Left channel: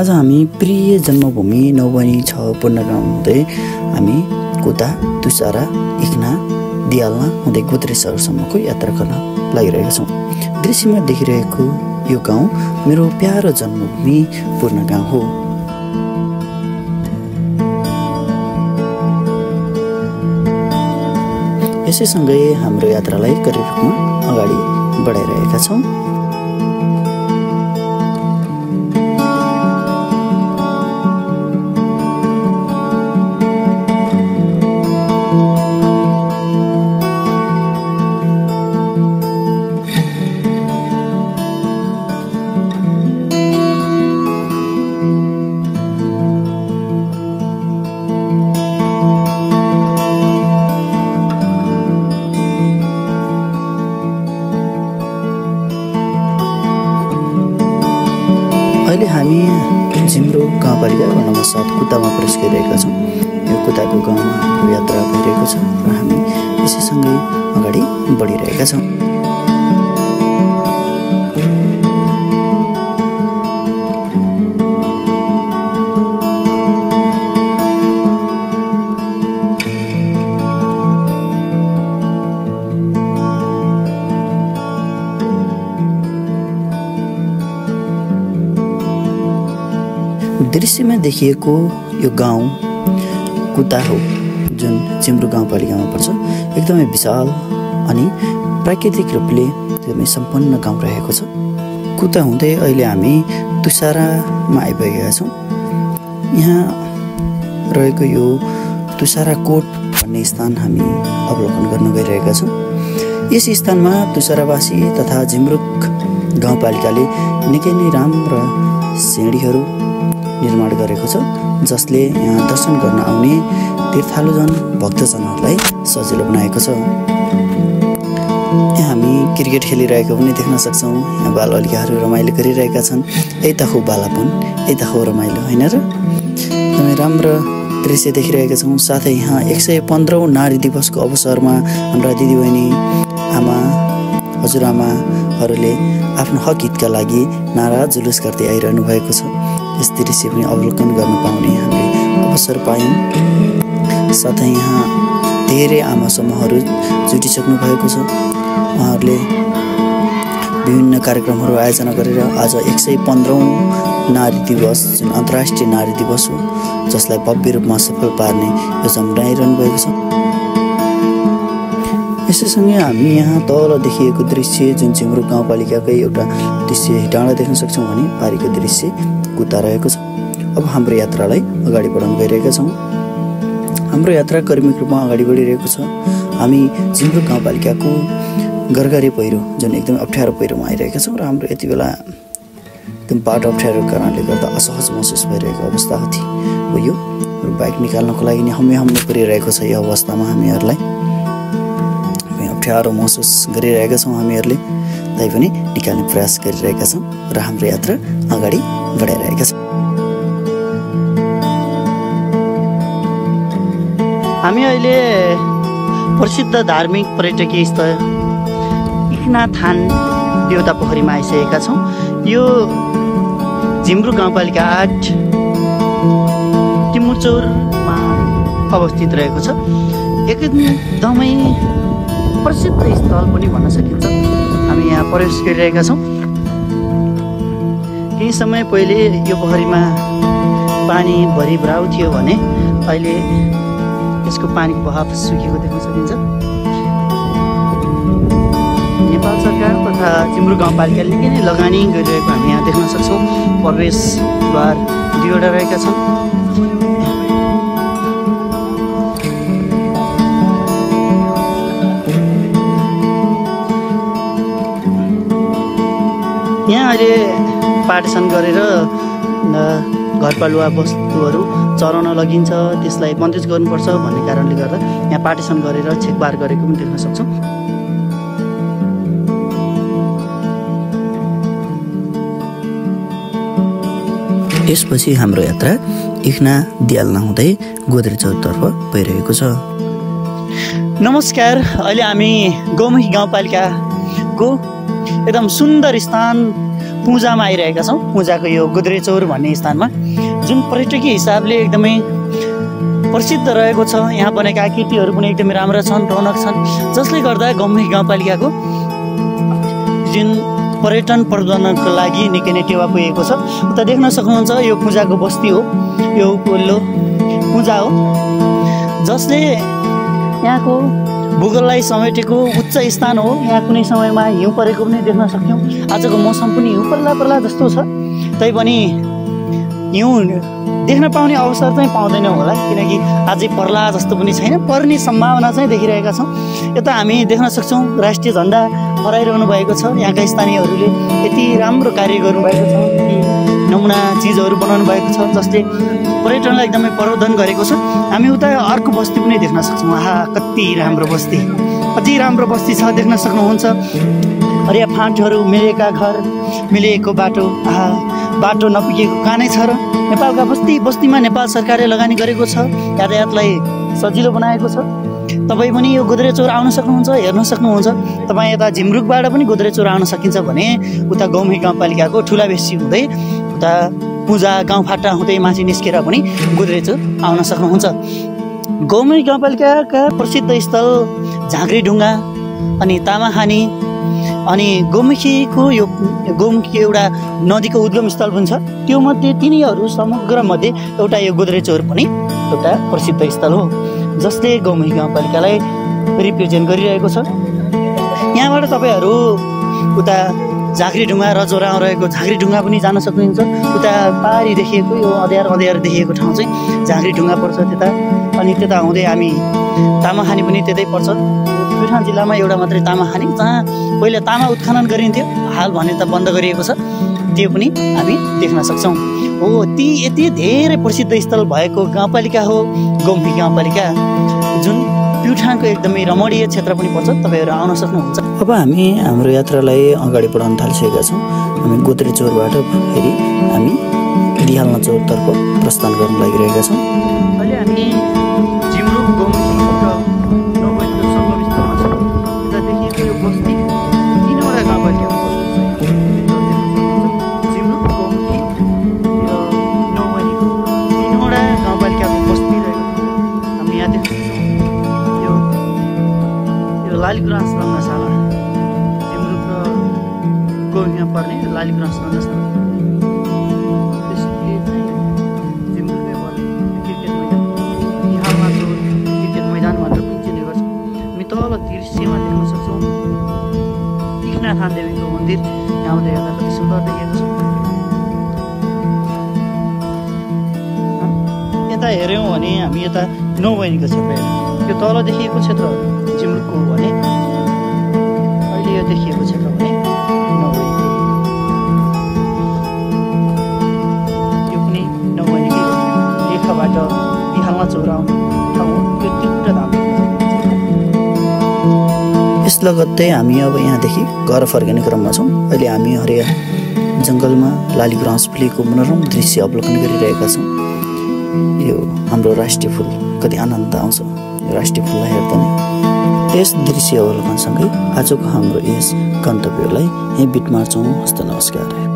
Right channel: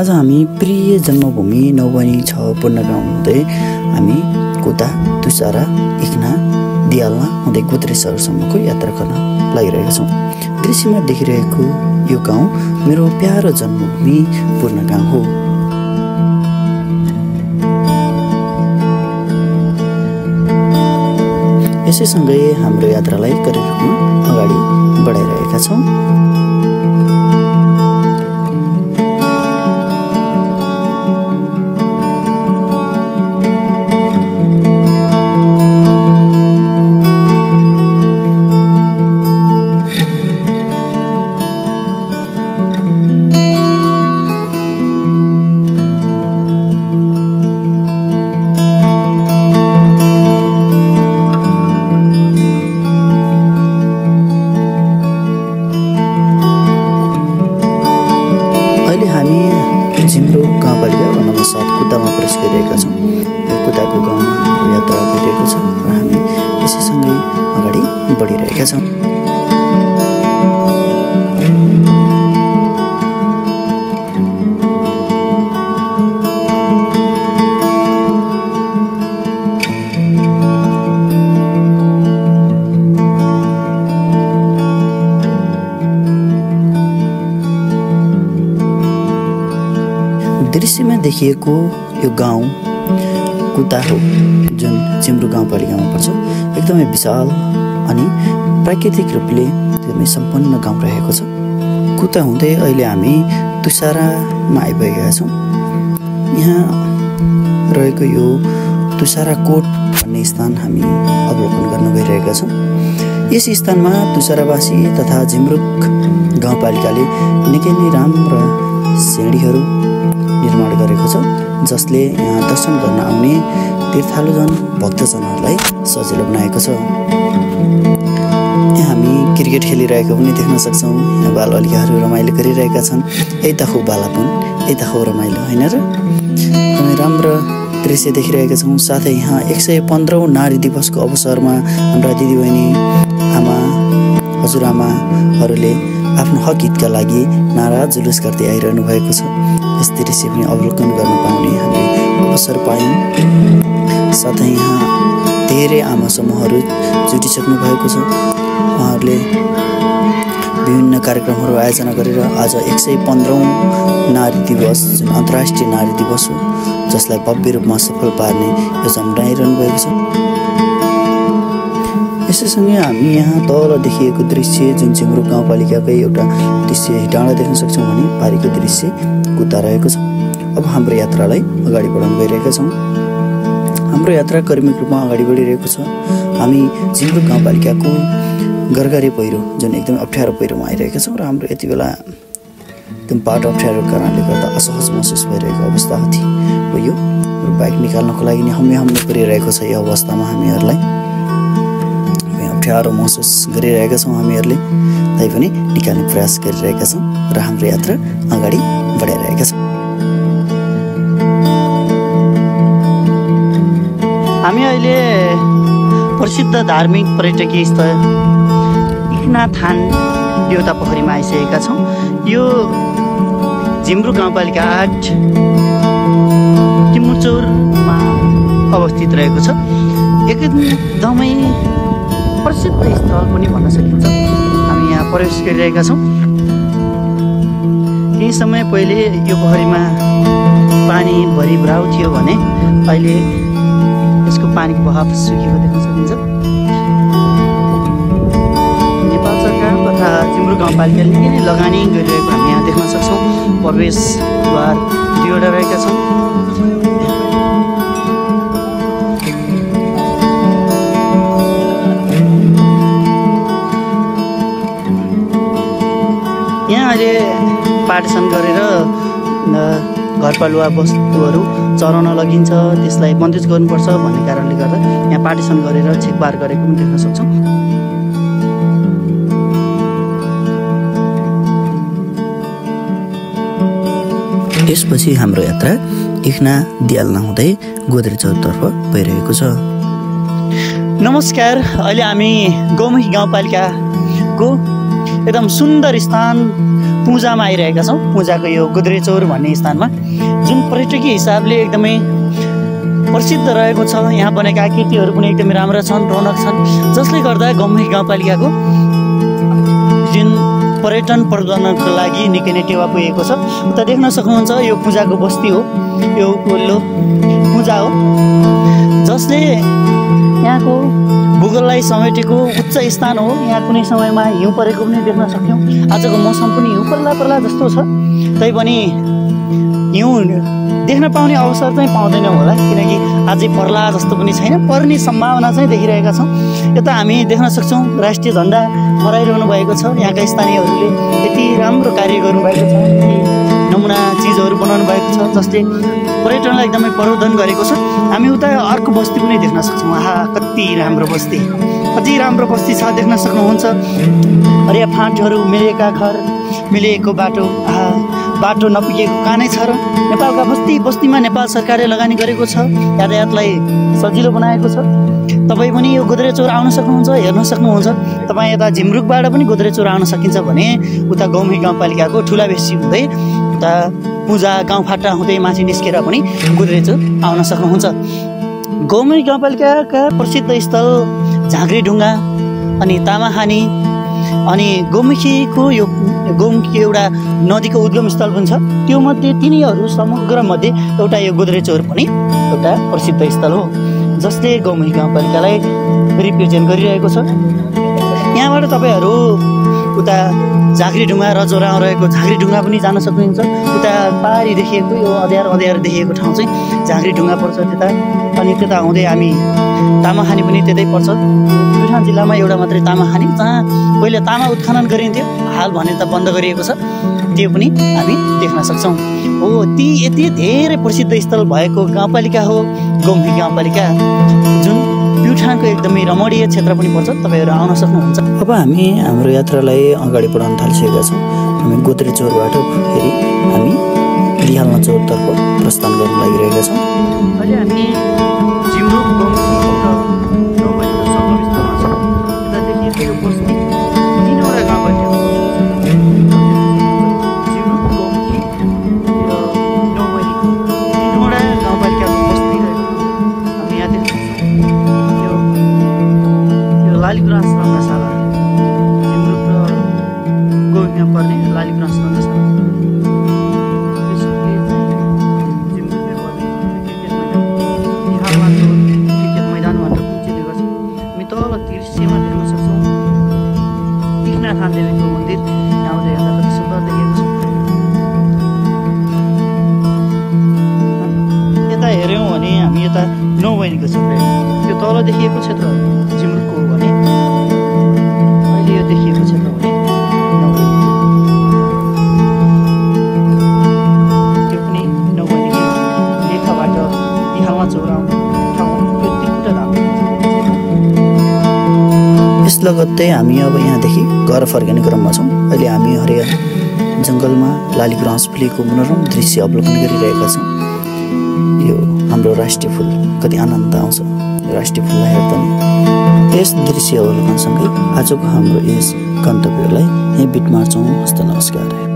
आज हामी प्रिय जन्मभूमि नौबनी 6 पूर्णगाउँ हुँदै हामी कुता, तुसारा, इक्ना, दियालना हुँदै गोद्रे सहरसम्मको यात्रा गर्न लागिरहेका छौँ। दृश्यमा देखिरहेको यो गाउँ मेरो प्यारो जन्मभूमि पूर्णगाउँ हो। यसैसँगै हाम्रो यात्रालाई करिब रूपमा अगाडि बढाइरहेका छौँ। अहिले हामी जिम्रो गाउँपालिका वडा नम्बर 7 कुतामा प्रवेश गरिरहेका छौँ। यो कुताको गाउँमा हाम्रो यात्रा भइरहेको छ र हामी यसैसँगै अगाडि बढिरहेका छौँ। दृश्यमा देखिएको यो गाउँ कुता हो, जुन जिम्रो गाउँपालिकामा पर्छ। एकदमै विशाल अनि प्राकृतिक रूपले एकदमै सम्पन्न गाउँ रहेको छ। कुता हुँदै अहिले हामी तुसारामा आइपुगेका छौँ। यहाँ रहेको यो तुसारा कोट भन्ने स्थान हामी अवलोकन गर्न गइरहेका छौँ। यस स्थानमा तुसारावासी तथा जिम्रुक गाउँपालिकाले निकै नै राम्रा सिँढीहरू निर्माण गरेको छ, जसले यहाँ दर्शन गर्न आउने तीर्थालुजन भक्तजनहरूलाई सजिलो बनाएको छ। यहाँ हामी क्रिकेट खेलिरहेको पनि देख्न सक्छौँ। यहाँ बालबालिकाहरू रमाइलो गरिरहेका छन्। यता हो बालापन, यता हो रमाइलो, होइन र? एकदमै राम्रो दृश्य देखिरहेका छौँ। साथै यहाँ 115औं नारी दिवसको अवसरमा हाम्रा दिदीबहिनी, आमा, हजुरआमाहरूले आफ्नो हक हितका लागि नारा जुलुस गर्दै आइरहनु भएको छ। यस दृश्य पनि अवलोकन गर्न पाउने हामीले अवसर पायौँ। साथै यहाँ धेरै आमा समूहहरू जुटिसक्नु भएको छ। उहाँहरूले विभिन्न कार्यक्रमहरू आयोजना गरेर आज 115औं नारी दिवस, जुन अन्तर्राष्ट्रिय नारी दिवस हो, जसलाई भव्य रूपमा सफल पार्ने योजना बनाइरहनु भएको छ। यसैसँगै हामी यहाँ तल देखिएको दृश्य, जुन जिम्रो गाउँपालिकाकै एउटा दृश्य डाँडा देख्न सक्छौँ भने पारीको दृश्य कुता रहेको छ। अब हाम्रो यात्रालाई अगाडि बढाउन गइरहेका छौँ। हाम्रो यात्रा क्रमिक रूपमा अगाडि बढिरहेको छ। हामी जिम्रो गाउँपालिकाको गरगरे पहिरो, जुन एकदमै अप्ठ्यारो पहिरोमा आइरहेका छौँ र हाम्रो यति बेला एकदम बाटो अप्ठ्यारो कारणले गर्दा असहज महसुस भइरहेको अवस्था हो यो। बाइक निकाल्नको लागि नि हम्मे परिरहेको छ। यो अवस्थामा हामीहरूलाई अप्ठ्यारो महसुस गरिरहेका छौँ। हामीहरूले तैपनि निकाल्ने प्रयास गरिरहेका छौँ र हाम्रो यात्रा अगाडि बढाइरहेका छौँ। हामी अहिले प्रसिद्ध धार्मिक पर्यटकीय स्थल इक्ना थान देउता पोखरीमा आइसकेका छौँ। यो जिम्रो गाउँपालिका 8 टिमुचौरमा अवस्थित रहेको छ। एकदमै प्रसिद्ध स्थल पनि भन्न सकिन्छ। हामी यहाँ प्रवेश गरिरहेका छौँ। केही समय पहिले यो पोखरीमा पानी भरि भराउ थियो भने अहिले यसको पानीको बहाव सुकेको देख्न सकिन्छ। नेपाल सरकार तथा जिम्रो गाउँपालिकाले निकै नै लगानी गरिरहेको हामी यहाँ देख्न सक्छौँ। प्रवेशद्वार 2वटा रहेका छन्। यहाँ अहिले पार्टिसन गरेर घरपालुवा वस्तुहरू चराउन लगिन्छ, त्यसलाई बन्देज गर्नुपर्छ भन्ने कारणले गर्दा यहाँ पार्टिसन गरेर छेकबार गरेको पनि देख्न सक्छौँ। यसपछि हाम्रो यात्रा इक्ना दियालना हुँदै गोद्रे चौरतर्फ भइरहेको छ। नमस्कार, अहिले हामी गौमुखी गाउँपालिकाको एकदम सुन्दर स्थान पुजामा आइरहेका छौँ। पुजाको यो गोद्रेचौर भन्ने स्थानमा जुन पर्यटकीय हिसाबले एकदमै प्रसिद्ध रहेको छ। यहाँ बनेका आकृतिहरू पनि एकदमै राम्रा छन्, रौनक छन्, जसले गर्दा गौमुखी गाउँपालिकाको जुन पर्यटन प्रवर्धनको लागि निकै नै टेवा पुगेको छ। उता देख्न सक्नुहुन्छ यो पूजाको बस्ती हो, यो उपल्लो पूजा हो, जसले यहाँको भूगोललाई समेटेको उच्च स्थान हो। यहाँ कुनै समयमा हिउँ परेको पनि देख्न सक्यौँ। आजको मौसम पनि हिउँ पर्ला जस्तो छ, तैपनि हिउँ देख्न पाउने अवसर चाहिँ पाउँदैनौँ होला, किनकि अझै पर्ला जस्तो पनि छैन, पर्ने सम्भावना चाहिँ देखिरहेका छौँ। यता हामी देख्न सक्छौँ राष्ट्रिय झन्डा फहराइरहनु भएको छ। यहाँका स्थानीयहरूले यति राम्रो कार्य गर्नुभएको छ, नमुना चिजहरू बनाउनु भएको छ, जसले पर्यटनलाई एकदमै प्रवर्धन गरेको छ। हामी उता अर्को बस्ती पनि देख्न सक्छौँ। आहा, कति राम्रो बस्ती, अझै राम्रो बस्ती छ, देख्न सक्नुहुन्छ। हरिया फाँटहरू, मिलेका घर, मिलेको बाटो, आहा, बाटो नपुगेको कानै छ। र नेपालका बस्तीमा नेपाल सरकारले लगानी गरेको छ, यातायातलाई सजिलो बनाएको छ। तपाईँ पनि यो गोद्रेचौर आउन सक्नुहुन्छ, हेर्न सक्नुहुन्छ। तपाईँ यता झिमरुकबाट पनि गोद्रेचौर आउन सकिन्छ भने उता गौमुखी गाउँपालिकाको ठुला बेसी हुँदै उता पूजा गाउँफाटा हुँदै माथि निस्केर पनि गोद्रेचौर आउन सक्नुहुन्छ। गौमुखी गाउँपालिकाका प्रसिद्ध स्थल झाँक्रीढुङ्गा अनि तामाखानी अनि गौमुखीको यो गौमुखी एउटा नदीको उद्गम स्थल पनि छ। त्यो मध्ये तिनीहरू समग्र मध्ये एउटा यो गोद्रेचौर पनि एउटा प्रसिद्ध स्थल हो, जसले गौमुखी गाउँपालिकालाई रिप्रेजेन्ट गरिरहेको छ। यहाँबाट तपाईँहरू उता झाँक्रीढुङ्गा रजौरामा रहेको झाँक्रीढुङ्गा पनि जान सक्नुहुन्छ। उता पारी देखिएको यो अँध्यार देखिएको ठाउँ चाहिँ झाँक्रीढुङ्गा पर्छ त्यता। अनि त्यता हुँदै हामी तामाखानी पनि त्यतै पर्छ। प्युठान जिल्लामा एउटा मात्रै तामाखानी, जहाँ पहिले तामा उत्खनन गरिन्थ्यो, हाल भने त बन्द गरिएको छ, त्यो पनि हामी देख्न सक्छौँ। हो, ती यति धेरै प्रसिद्ध स्थल भएको गाउँपालिका हो गौमुखी गाउँपालिका, जुन प्युठानको एकदमै रमणीय क्षेत्र पनि पर्छ। तपाईँहरू आउन सक्नुहुन्छ। अब हामी हाम्रो यात्रालाई अगाडि बढाउन थालिसकेका छौँ। हामी गोद्रेचौरबाट फेरि हामी दिहालनचौरतर्फ प्रस्थान गर्न लागिरहेका छौँ। अहिले हामी झिमरुक गौमुखी र नौवैनीको सङ्गम स्थलमा छौँ। यता देखिएको यो बस्ती तीनवटा गाउँपालिकाको बस्ती छ। झिमरुक, गौमुखी र नौवैनीको तीनवटा गाउँपालिकाको बस्ती रहेको ठाउँ हो। हामी यहाँ देख्न सक्छौँ यो लालीगुराँस रङ्गशाला, झिमरुक र गौमुखीमा पर्ने लालीगुराँस रङ्गशाला। क्रिकेट मैदान भनेर पनि चिन्ने गर्छ। हामी तल दृश्यमा देख्न सक्छौँ तीर्थनाथ देवीको मन्दिर, आउँदै हेर्दा कति सुन्दर देखिएको छ। यता हेऱ्यौँ भने हामी यता नौवैनीको क्षेत्र हेर्यौँ। यो तल देखिएको क्षेत्र झिमरुकको हो भने अहिले यो देखिएको क्षेत्र भने नौवैनी, त्यो पनि नौवैनीकै हो। लेखाबाट दिहालमा चौराउने यस लगत्तै हामी अब यहाँदेखि घर फर्किने क्रममा छौँ। अहिले हामी हरिया जङ्गलमा लालीगुराँस फुलेको मनोरम दृश्य अवलोकन गरिरहेका छौँ। यो हाम्रो राष्ट्रिय फुल, कति आनन्द आउँछ यो राष्ट्रिय फुललाई हेर्दा नै। यस दृश्य अवलोकनसँगै आजको हाम्रो यस गन्तव्यलाई यहीँ बिट मार्छौँ। हस्त नमस्कार।